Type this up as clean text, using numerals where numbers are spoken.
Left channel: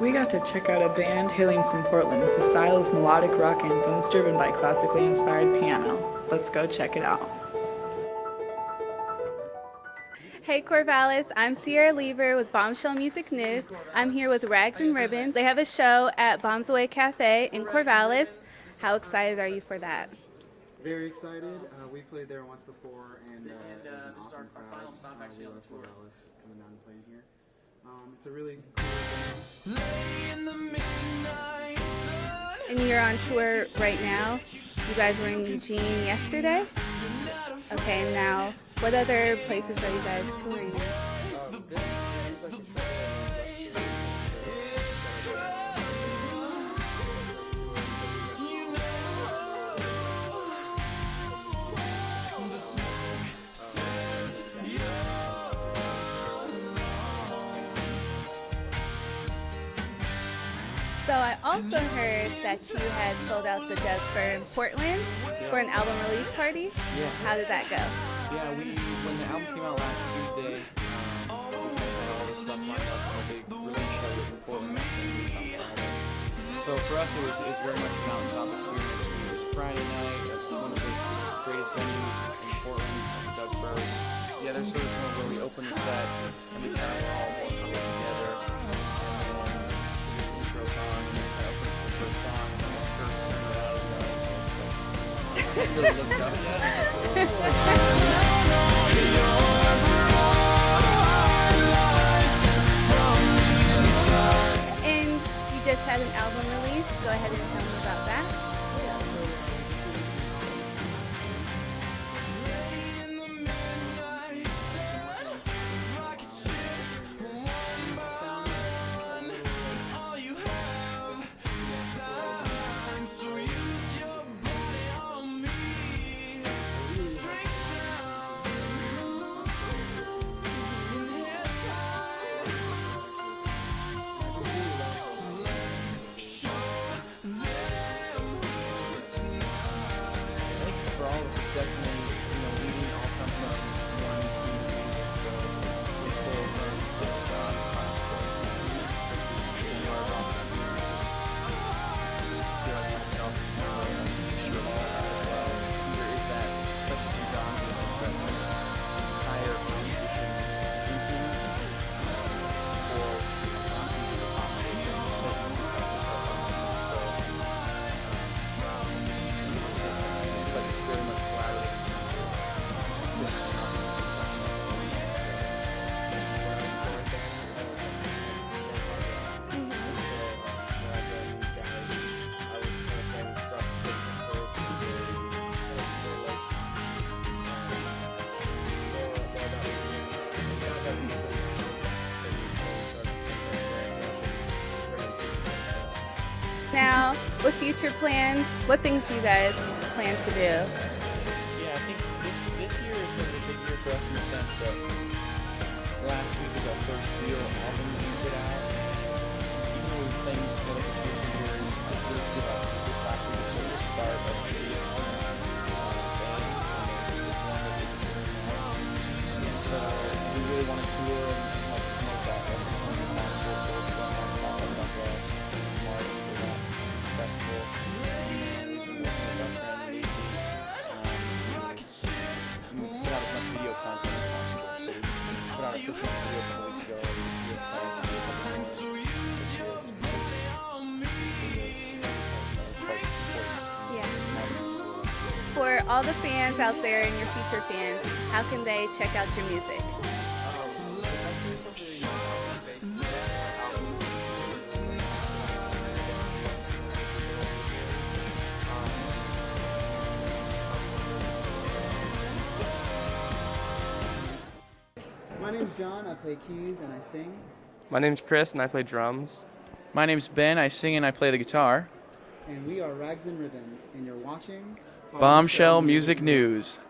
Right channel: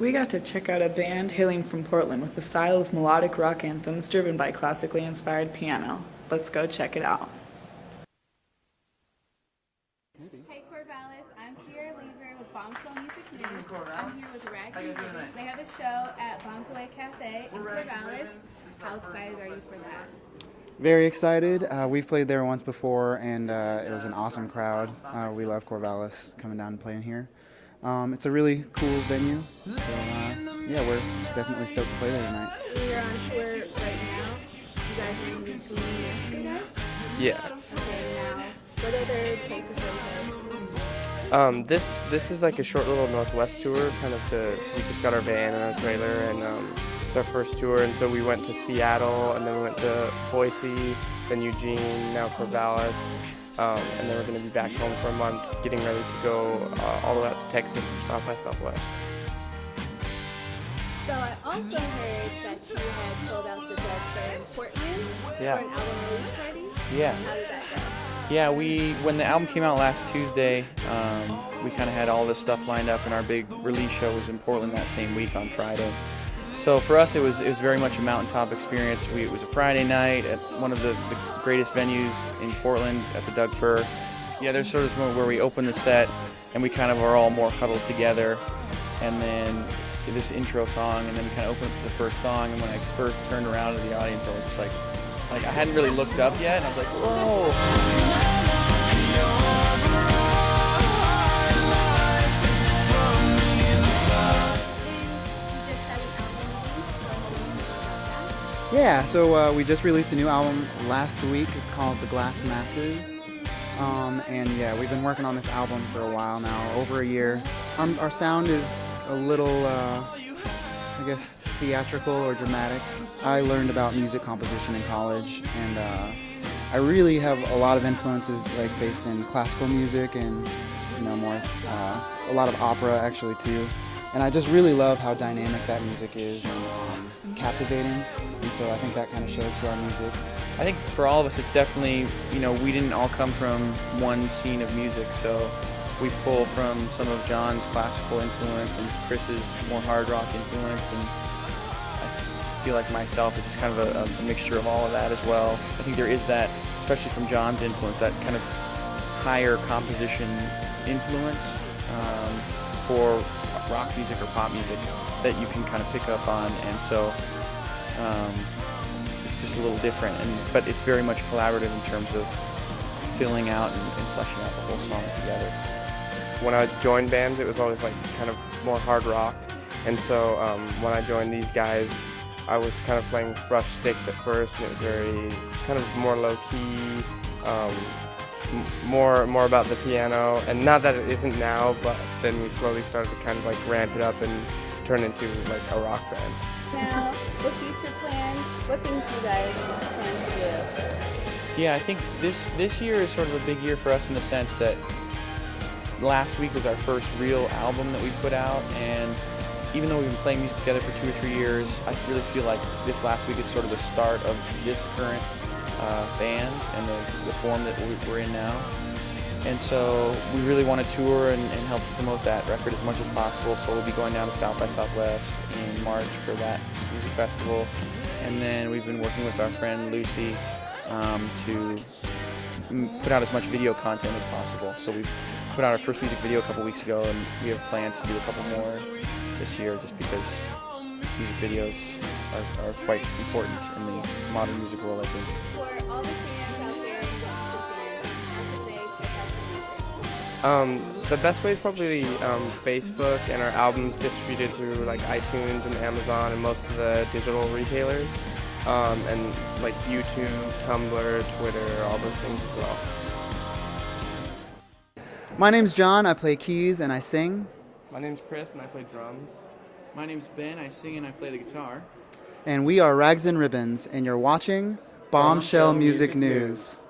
We got to check out a band hailing from Portland with a style of melodic rock anthems driven by classically inspired piano. Let's go check it out. Hey Corvallis, I'm Sierra Lever with Bombshell Music News. I'm here with Rags and Ribbons. They have a show at Bombshell Cafe in Corvallis. How excited are you for that? Very excited. We've played there once before, and it was an awesome crowd. We love Corvallis coming down and playing here. It's a really cool venue. So, yeah, we're definitely stoked to play there tonight. And you're on tour right now. You guys were in Eugene yesterday? Yeah. Okay, now what other places are you guys touring? This is like a short little Northwest tour, kind of we just got our van and our trailer, and it's our first tour, and so we went to Seattle, and then we went to Boise, then Eugene, now Corvallis, and then we're going to be back home for a month, getting ready to go all the way out to Texas for South by Southwest. So I also heard that you had sold out the Dug for Portland for an album release party. Yeah. How did that go? Yeah, when the album came out last Tuesday, we kind of had all this stuff lined up, and our big release show was in Portland that same week on Friday. So for us, it was very much a mountaintop experience. It was a Friday night at one of the greatest venues in Portland at the Doug Fir. Yeah, there's sort of this moment where we open the set, and we kind of are all more huddled together, and then did this intro song, and then we kind of opened up the first song, and when I first turned around to the audience, I was just like I hadn't really looked up yet, and I was like, oh. And you just had an album release. Go ahead and tell us about that. Yeah, so we just released a new album last week. It's called The Glass Masses. And yeah, we've been working on this album for a while now, over a year. Our sound is a little, I guess, theatrical or dramatic. I learned about music composition in college, and I really have a lot of influences like based in classical music and more a lot of opera actually too. And I just really love how dynamic that music is and captivating. And so I think that kind of shows through our music. I think for all of us, it's definitely, we didn't all come from one scene of music, so we pull from some of John's classical influence and Chris's more hard rock influence, and I feel like myself, it's kind of a mixture of all of that as well. I think there is that, especially from John's influence, that kind of higher composition influence for rock music or pop music that you can kind of pick up on, and so it's just a little different, but it's very much collaborative in terms of filling out and fleshing out those songs together. When I joined bands, it was always like kind of more hard rock, and so when I joined these guys, I was kind of playing brush sticks at first, and it was very kind of more low-key, more about the piano, and not that it isn't now, but then we slowly started to kind of like ramp it up and turn into like a rock band. Now, with future plans, what things do you guys plan to do? Yeah, I think this year is sort of a big year for us in the sense that last week was our first real album that we put out, and even though we've been playing music together for 2 or 3 years, I really feel like this last week is sort of the start of this current band and the form that we're in now. And so we really want to tour and help promote that record as much as possible, so we'll be going down to South by Southwest in March for that music festival. And then we've been working with our friend Lucy to put out as much video content as possible. So we put out our first music video a couple weeks ago, and we have plans to do a couple more this year, just because music videos are quite important in the modern music world, I think. For all the fans out there and your future fans, how can they check out your music? The best way is probably Facebook, and our album's distributed through like iTunes and Amazon and most of the digital retailers, and like YouTube, Tumblr, Twitter, all those things as well. My name's John. I play keys and I sing. My name's Chris, and I play drums. My name's Ben. I sing and I play the guitar. And we are Rags and Ribbons, and you're watching Bombshell Music News.